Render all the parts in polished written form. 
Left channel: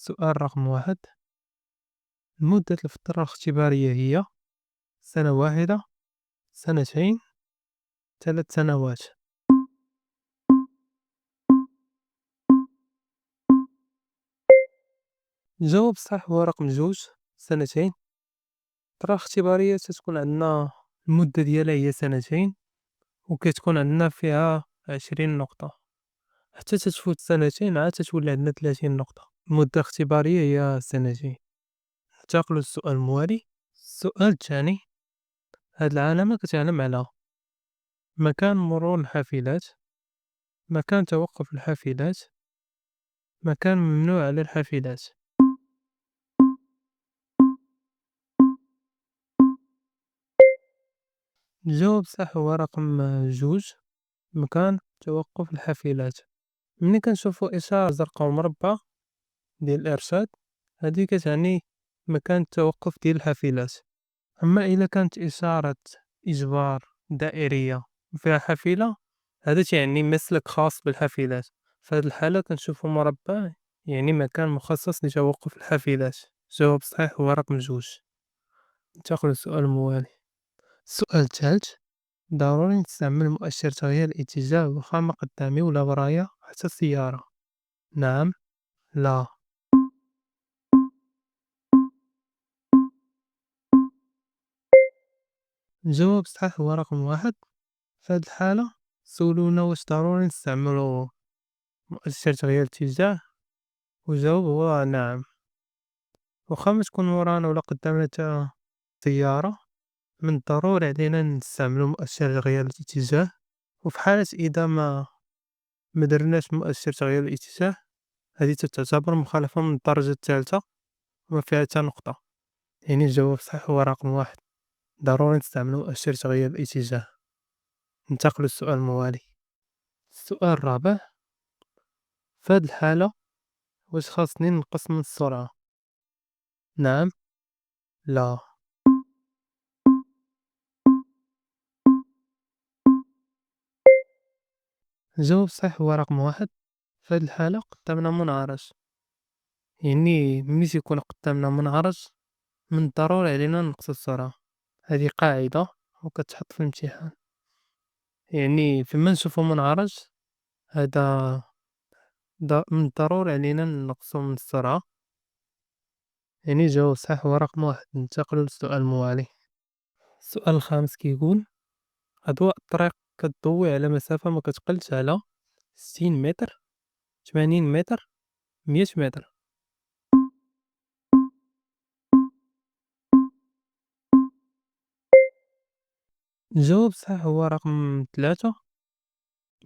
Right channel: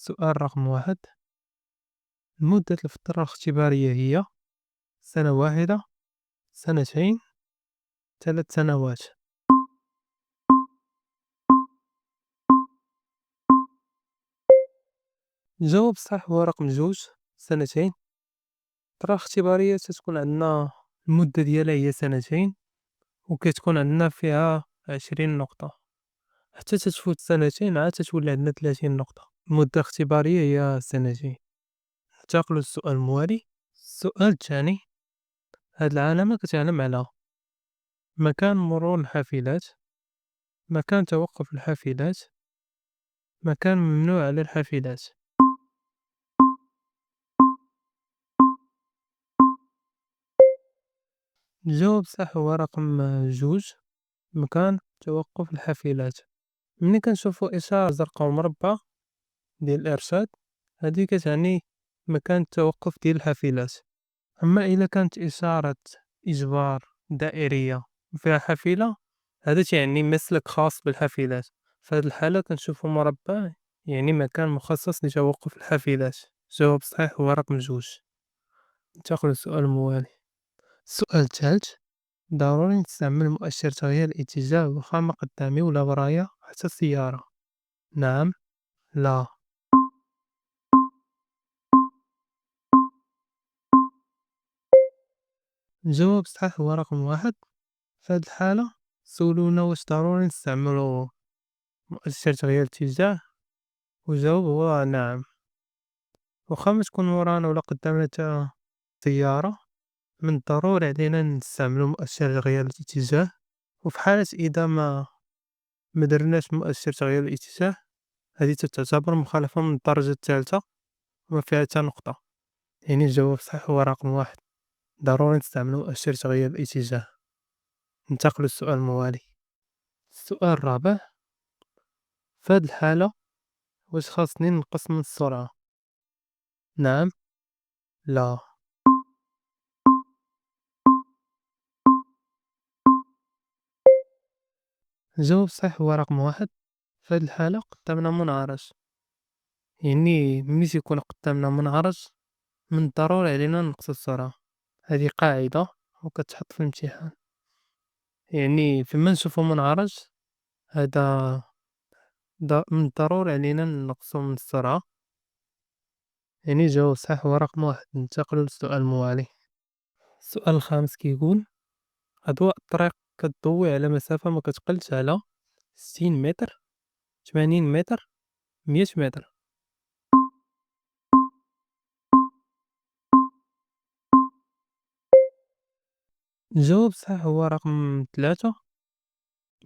السؤال رقم 1: مدة الفترة الاختبارية هي سنة واحدة، سنتين، 3 سنوات. الجواب الصحيح هو رقم 2: سنتين. الفترة الاختبارية تتكون عندنا المدة ديالها هي سنتين، وكتكون عندنا فيها 20 نقطة، حتى تتفوت سنتين عاد تتولي عندنا 30 نقطة. المدة الاختبارية هي سنتين. انتقلوا للسؤال الموالي. السؤال الثاني: هاد العلامة كتعلم على مكان مرور الحافلات، مكان توقف الحافلات، مكان ممنوع على الحافلات. الجواب الصح هو رقم 2: مكان توقف الحافلات. ملي كنشوفو إشارة زرقاء ومربع ديال الإرشاد، هادي كتعني مكان التوقف ديال الحافلات. أما إلا كانت إشارة إجبار دائرية وفيها حافلة، هذا تيعني مسلك خاص بالحافلات. في هاد الحالة كنشوفو مربع يعني مكان مخصص لتوقف الحافلات. الجواب الصحيح هو رقم 2. ننتقل للسؤال الموالي. السؤال الثالث: ضروري نستعمل مؤشر تغيير الاتجاه واخا ما قدامي ولا ورايا حتى السيارة. نعم، لا. الجواب الصحيح هو رقم 1. في هاد الحالة سولونا واش ضروري نستعملو مؤشر تغيير الاتجاه، والجواب هو نعم. واخا ما تكون ورانا ولا قدامنا تا سيارة، من الضروري علينا نستعملو مؤشر تغيير الاتجاه. وفي حالة إذا ما درناش مؤشر تغيير الاتجاه، هذه تعتبر مخالفة من الدرجة الثالثة وما فيها حتى نقطة. يعني الجواب الصحيح هو رقم 1: ضروري نستعملو مؤشر تغيير الاتجاه. ننتقل للسؤال الموالي. السؤال الرابع: في هاد الحالة واش خاصني نقص من السرعة؟ نعم، لا. الجواب الصحيح هو رقم 1: في هاد الحالة قدامنا منعرج، يعني ملي تيكون قدامنا منعرج من الضروري علينا نقص السرعة. هذه قاعدة وكتحط في الامتحان، يعني فيما نشوفو منعرج هذا من الضروري علينا نقصو من السرعة. يعني الجواب الصحيح هو رقم 1. ننتقل للسؤال الموالي. السؤال الخامس كيقول: أضواء الطريق كتضوي على مسافة ما كتقلش على 60 متر، 80 متر، 100 متر. الجواب الصحيح هو رقم 3:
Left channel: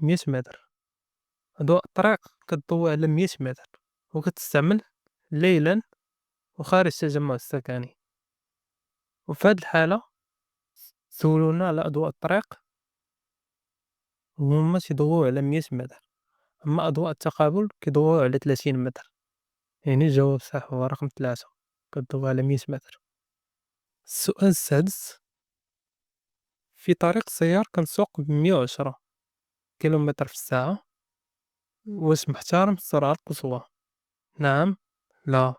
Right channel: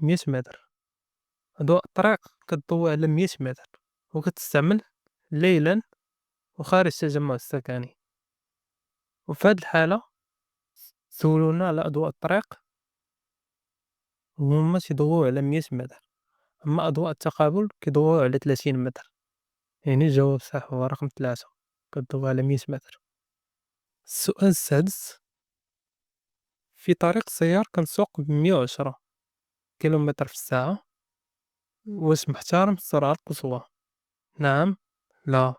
100 متر. أضواء الطريق كتضوي على 100 متر وكتستعمل ليلا وخارج التجمع السكني. وفي هاد الحالة سولونا على أضواء الطريق وهما تيضويو على 100 متر، أما أضواء التقابل كيضويو على 30 متر. يعني الجواب الصحيح هو رقم 3: كتضوي على 100 متر. السؤال السادس: في طريق سيار كنسوق ب110 كيلومتر في الساعة، واش محترم السرعة القصوى؟ نعم، لا.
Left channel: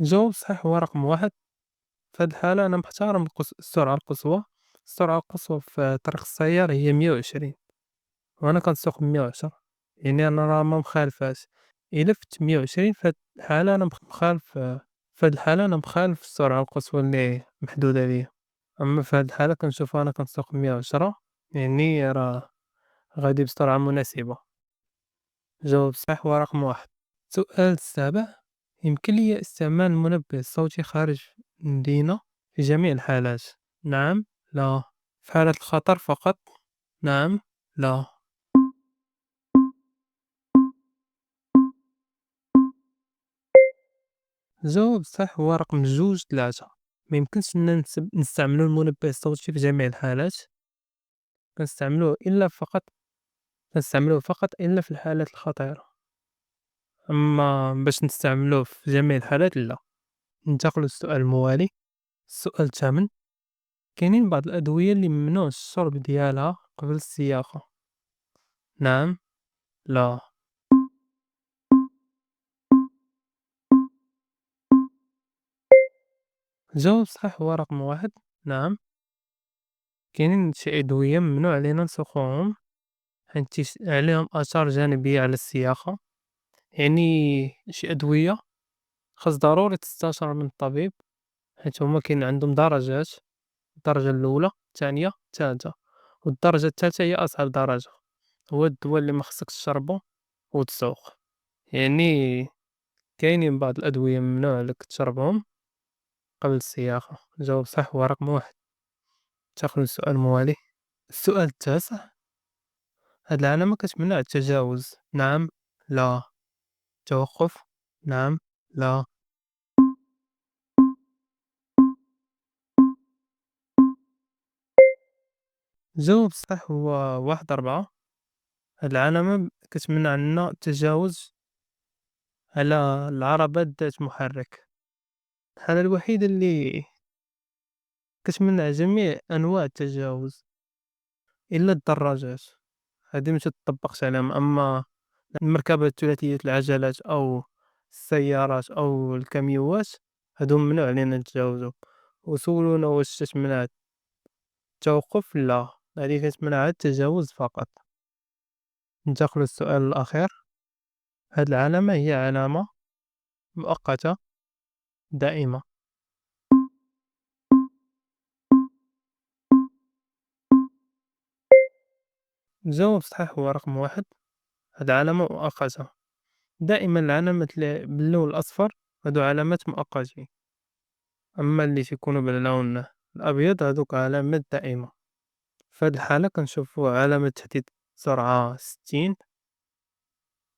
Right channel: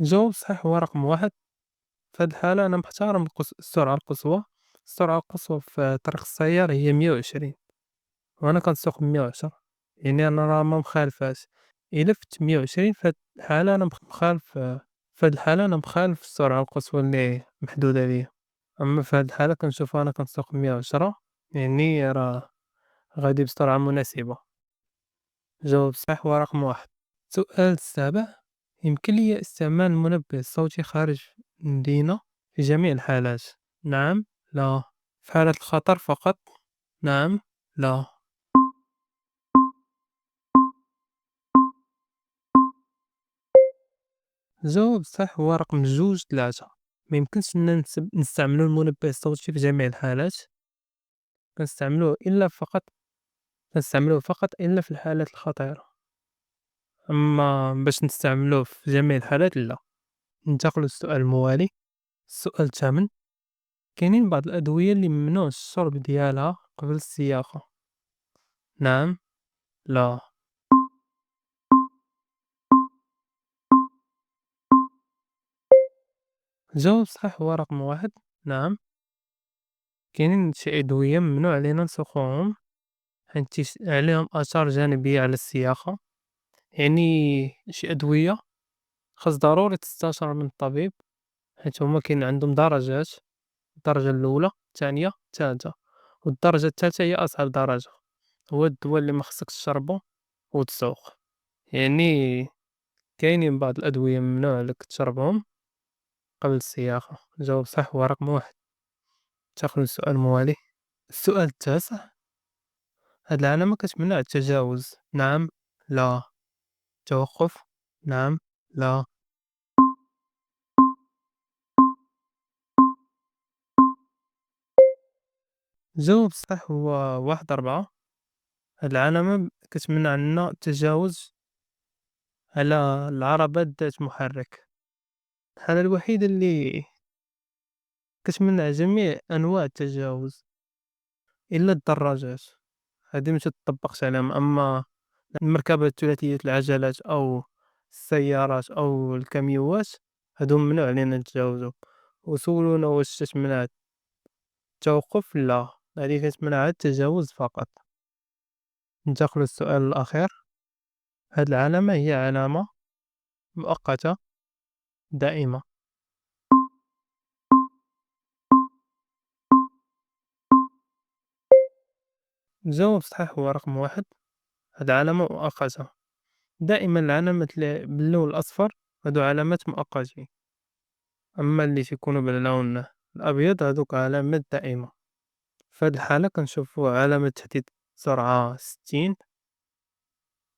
الجواب الصحيح هو رقم 1: في هاد الحالة أنا محترم السرعة القصوى. السرعة القصوى في طريق السيار هي 120 وأنا كنسوق ب110، يعني أنا راه ما مخالفاش. إلا فت 120 في هاد الحالة أنا مخالف، في هاد الحالة أنا مخالف السرعة القصوى اللي محدودة ليا. أما في هاد الحالة كنشوفو أنا كنسوق ب110، يعني راه غادي بسرعة مناسبة. الجواب الصحيح هو رقم 1. السؤال السابع: يمكن لي استعمال المنبه الصوتي خارج المدينة في جميع الحالات؟ نعم، لا. في حالة الخطر فقط؟ نعم، لا. الجواب الصحيح هو رقم 2 3. ما يمكنش لنا نستعملو المنبه الصوتي في جميع الحالات. كنستعملوه فقط إلا في الحالات الخطيرة، أما باش نستعملوه في جميع الحالات لا. ننتقل للسؤال الموالي. السؤال الثامن: كاينين بعض الأدوية اللي ممنوع الشرب ديالها قبل السياقة. نعم، لا. الجواب الصحيح هو رقم 1. نعم، كاينين شي أدوية ممنوع علينا نسوقوهم حيت عليهم آثار جانبية على السياقة، يعني شي أدوية خاص ضروري تستشار من الطبيب حيت هُما كاين عندهم درجات، الدرجة الأولى، الثانية، الثالثة، والدرجة الثالثة هي أصعب درجة، هو الدوا اللي ما خصكش تشربو وتسوق، يعني كاينين بعض الأدوية ممنوع عليك تشربهم قبل السياقة. الجواب الصحيح هو رقم 1. تاخذ السؤال الموالي. السؤال التاسع: هاد العلامة كتمنع التجاوز، نعم، لا، توقف، نعم، لا. الجواب الصحيح هو 1/4. هاد العلامة كتمنع عنا التجاوز على العربات ذات محرك، الحالة الوحيدة اللي كتمنع جميع أنواع التجاوز إلا الدراجات، هادي ما تطبقش عليهم، أما المركبات ثلاثية العجلات أو السيارات أو الكاميوات هادو ممنوع علينا نتجاوزو، وسولونا واش تتمنع التوقف؟ لا، هادي كتمنع التجاوز فقط. ننتقل للسؤال الأخير: هاد العلامة هي علامة مؤقتة دائمة. الجواب الصحيح هو رقم 1. هاد علامة مؤقتة، دائما العلامات اللي باللون الأصفر هادو علامات مؤقتين، أما اللي تيكونوا باللون الأبيض هادوك علامات دائمة. في هاد الحالة كنشوفو علامة تحديد سرعة 60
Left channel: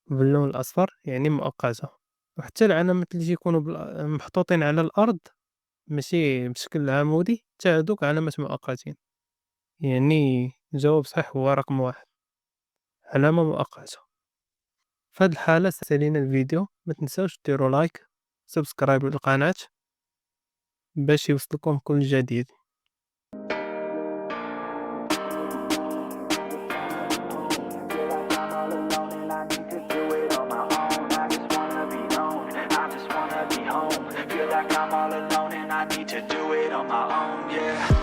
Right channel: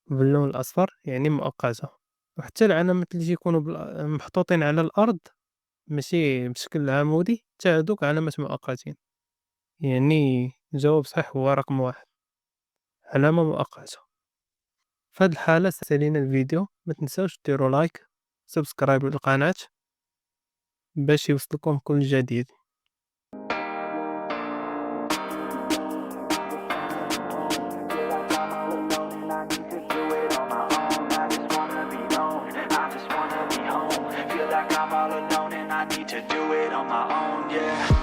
باللون الأصفر يعني مؤقتة، وحتى العلامات اللي تيكونوا محطوطين على الأرض ماشي بشكل عمودي حتى هادوك علامات مؤقتين، يعني الجواب صحيح هو رقم 1، علامة مؤقتة. في هاد الحالة سالينا الفيديو، ما تنساوش ديروا لايك سبسكرايب للقناة باش يوصلكم كل جديد. Feel like I'm all alone and I need to do it on my own. I just wanna be known, I just wanna be home. Feel like I'm all alone and I need to do it on my own, yeah.